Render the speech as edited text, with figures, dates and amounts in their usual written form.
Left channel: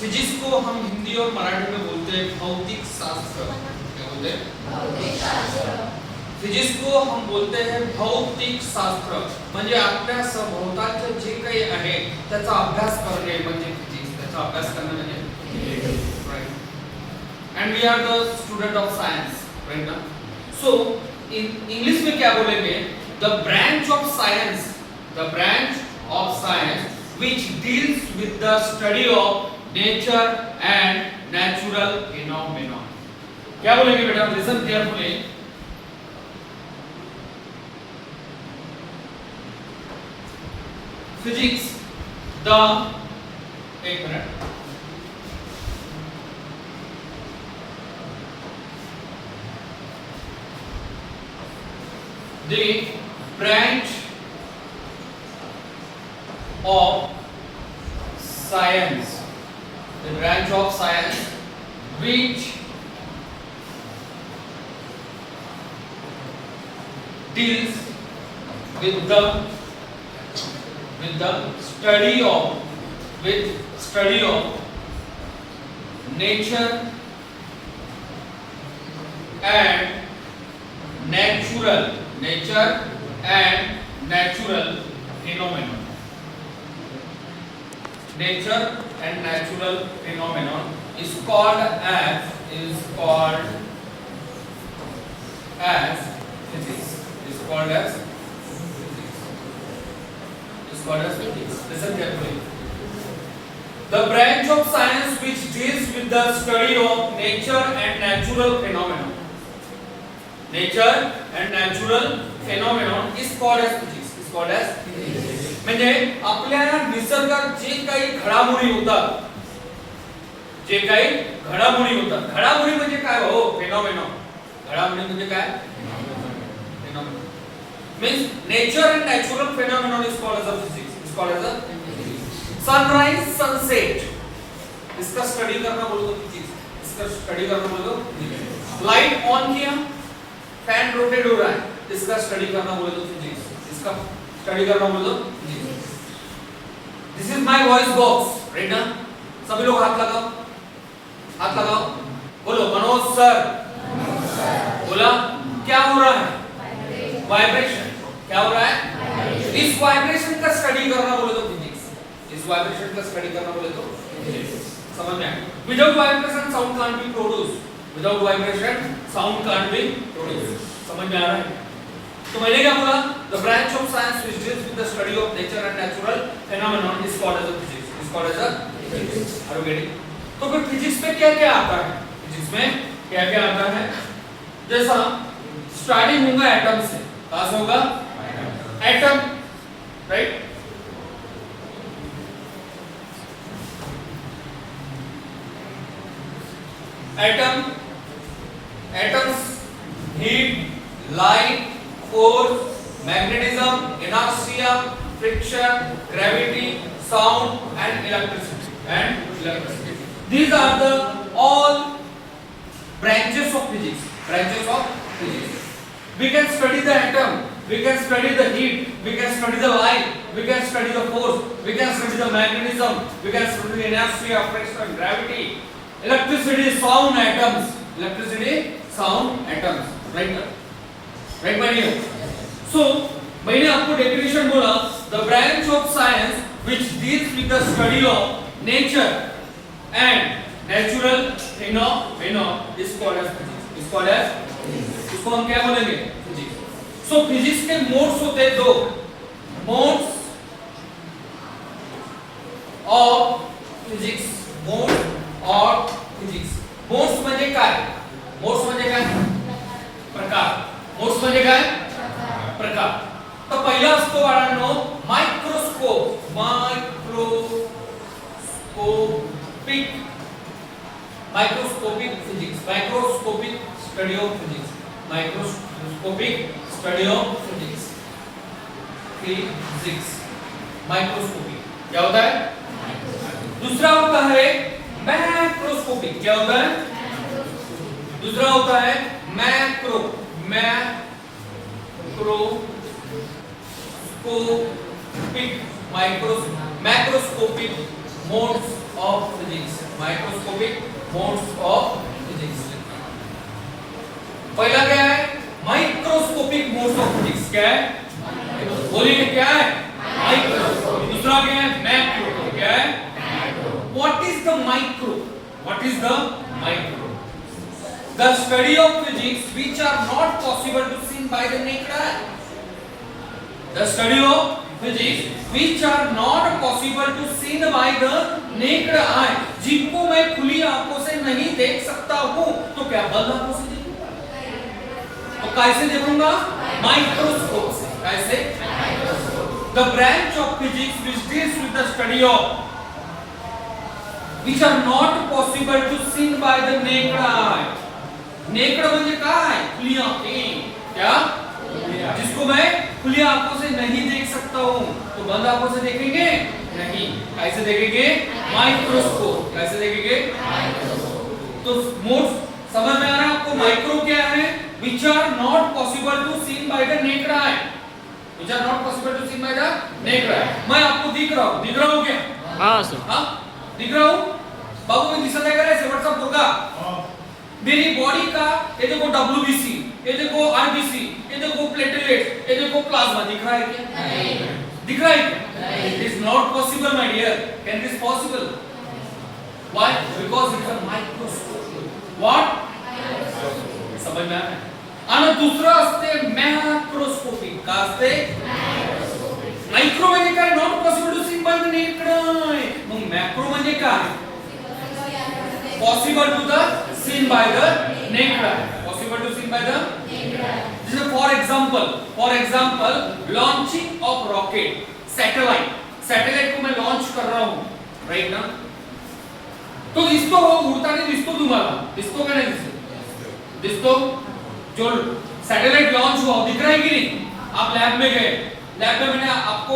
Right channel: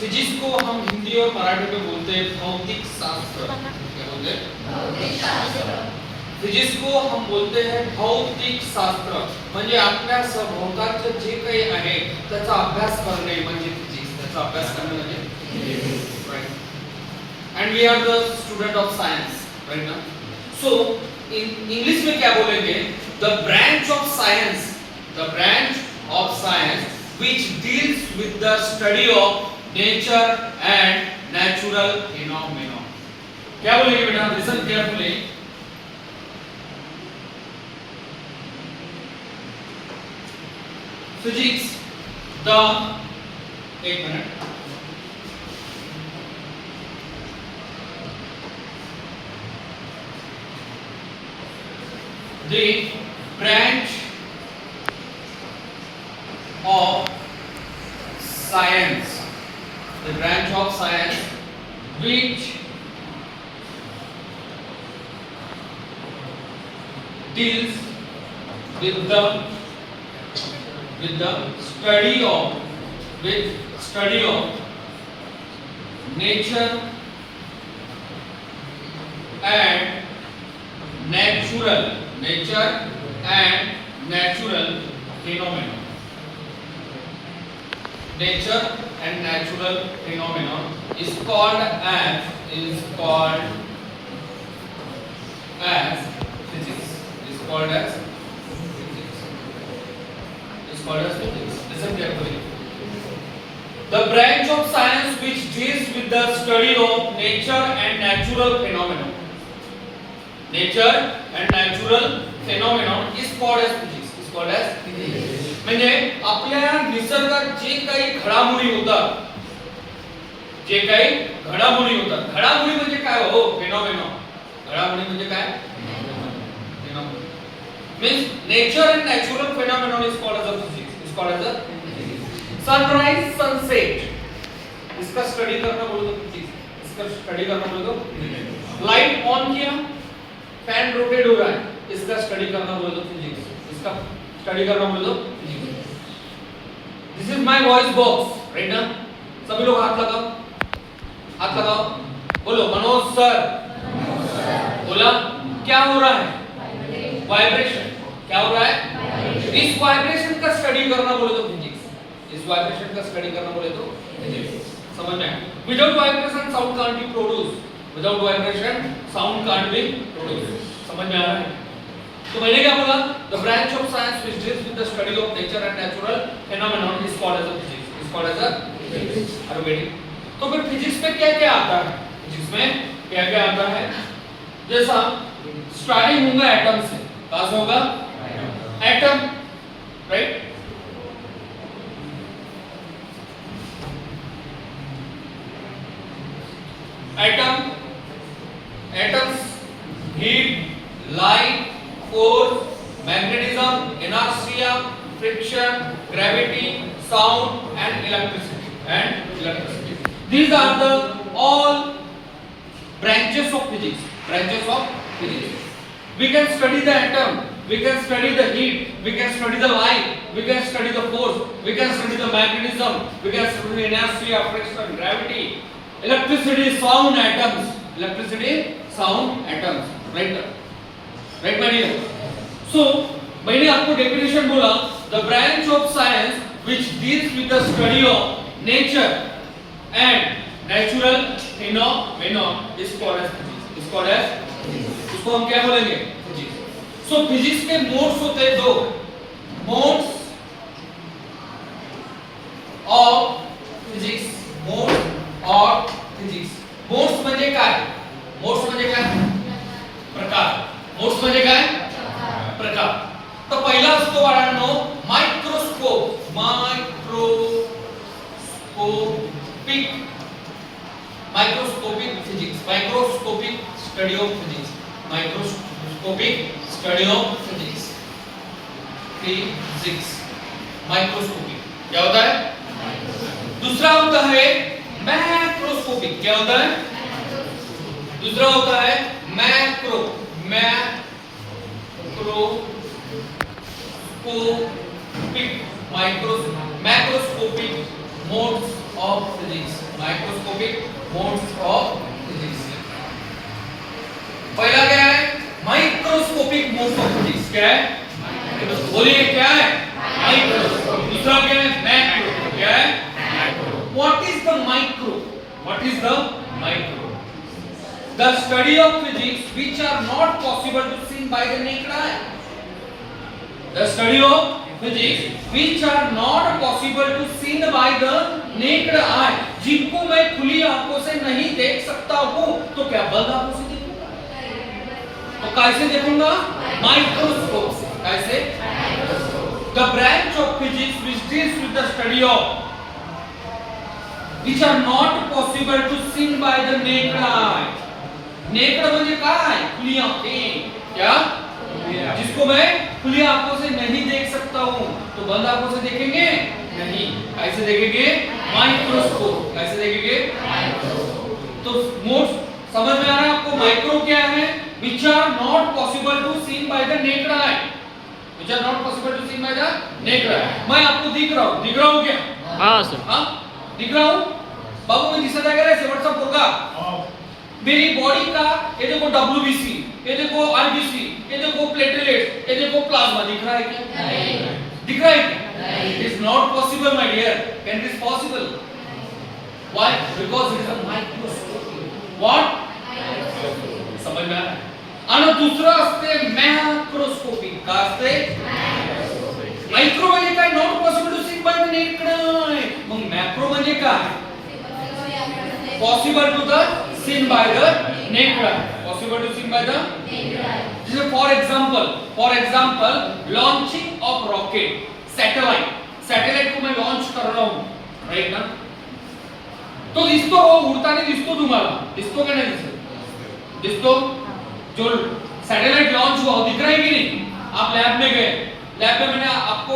Physics को हम हिंदी और मराठी में बोलते हैं भौतिक शास्त्र। क्या बोलते हैं? भौतिक शास्त्र। फिजिक्स को हम बोलते हैं भौतिक शास्त्र, म्हणजे आपल्या सभोवतालचे जे काही आहे त्याचा अभ्यास करणे म्हणजे फिजिक्स, त्याचा अभ्यास करणे म्हणजे physics, right? And we are the student of science, right ना? सो इन इंग्लिश में क्या बोलेंगे? The branch of science, the branch of science which deals with the study of nature and natural phenomena. क्या बोलेंगे बेटा? Listen carefully. Physics the, एक minute, the branch of science, the branch of science which deals with the study of nature and natural phenomena. Nature and natural phenomena is called as physics. Is called as physics. Listen carefully. The branch of science which deals with the study of nature and natural phenomena. Nature and natural phenomenon is called as physics. Is called as physics. म्हणजे आपल्या निसर्गात जे काही घडामोडी होतात, घडामोडी म्हणजे काय हो? फेनॉमेना. घडामोडी म्हणजे काय? Phenomena means nature and natural phenomenon is called as a physics. Is called as a sunrise, sunset, इसका स्टडी करना बोलो तो फिजिक्स, इसका स्टडी करना बोलो तो लाइट ऑन किया, फैन रोटेट हो रहा है, इसका स्टडी करना बोलो तो फिजिक्स, इसका स्टडी करना बोलो तो physics. This is my voice box, right ना? सभी लोग हाथ लगाओ, बोलो मनोज सर, बोला क्या हो रहा है? वाइब्रेशन। क्या हो रहा है? इस वाइब्रेशन का स्टडी करना बोले तो फिजिक्स, इस वाइब्रेशन का स्टडी करना बोले तो फिजिक्स। समझ में आया? Without vibration sound can't be produce, without vibration sound can't be produce. समझ में आ रहा है? तो मैंने क्या बोला? The branch of science which deals with the study of nature and natural phenomenon is called as a physics. Is called as a physics. Are you getting? तो फिर फिजिक्स में क्या-क्या आता है? फिजिक्स में क्या-क्या आता है? जैसा स्टार्टिंग होगा एटम से। कहां से होगा? Atom, right? Atoms, heat, light, force, magnetism, inertia, friction, gravity, sound and electricity. These are the all branches of physics. We can study the atom, we can study the heat, we can study the light, we can study the force, we can study the magnetism, we can study the inertia, friction, gravity, electricity, sound, atoms, right my dear? So मैंने आपको definition बोला, the branch of science which deals with the study of nature and natural phenomena is called as physics. इसको हम क्या बोलेंगे? Physics. सो physics के modes होते हैं दो, मोड्स ऑफ फिजिक्स, मोड और फिजिक्स। मोड्स म्हणजे काय? प्रकार। मोड्स म्हणजे काय? प्रकार। तो पहिला असतो बाळांनो microscopic physics, microscopic study of physics, microscopic क्या होता है? दूसरा होता है मैक्रोस्कोपिक। क्या होता है? दूसरा होता है macroscopic modes of physics, microscopic modes of physics. पहला क्या है? Microscopic modes of physics. क्या है? बोलिए क्या है? माइक्रो। दूसरा क्या है? मैक्रो। क्या है? Macro. What is the micro? What is the micro? The study of physics which are not possible to see by the naked eye. The study of physics which are not possible to see by the naked eye. जिनको मैं खुली आंखों से नहीं देख सकता हूँ, तो क्या बंद आंखों से देखूंगा? तो कैसे देखूंगा? माइक्रोस्कोप से। कैसे? The branch of physics which deals with the study of which are not possible to see by the naked eye. Necked म्हणजे काय? खुली आंखें। क्या? जिसको मैं खुली आंखों से नहीं देख सकता हूँ, तो बंद आंखों से देखेंगे नहीं। कैसे देखेंगे? माइक्रोस्कोप। कैसे देखेंगे? माइक्रोस्कोप। तो मोड्स समझ में आ रहा है आपको? माइक्रो क्या है? which are not possible to see by the naked eye. which are not possible to see by the naked eye. मैं आपको दिख रहा हूँ क्या? हाँ सर। हाँ दिख रहा हूँ बाबू, मैं दिसत आहे का रे? व्हाट्सएप होगा मेरी बॉडी का। ये देखो WBC, ये देखो RBC, ये देखो प्लेटलेट्स, ये देखो प्लाज्मा। दिख रहा है क्या? नहीं। दिख रहा है क्या? It is not possible my dear. Can this possible? Why? Because it is a microscope. What? समझ में आ रहा है? आणि दुसरं असते मॅक्रोस्कोपिक। का असते? मायक्रो म्हणजे काय? Not possible to see by the naked eye. मग मॅक्रो म्हणजे काय? possible to the seen by the naked eye. Possible to seen by the naked eye. This is for example, launching of rocket, satellite. Satellite को मैं launch कर रहा हूँ, right ना? तो दिसतो हो, उड़ताना दिसतो तुम्हाला? दिसतो का नहीं दिसतो? दिसतो? जो सैटेलाइट लॉन्च हुआ दिख रहा है कि नहीं? आप लैब में गए, लैब में मैंने आपको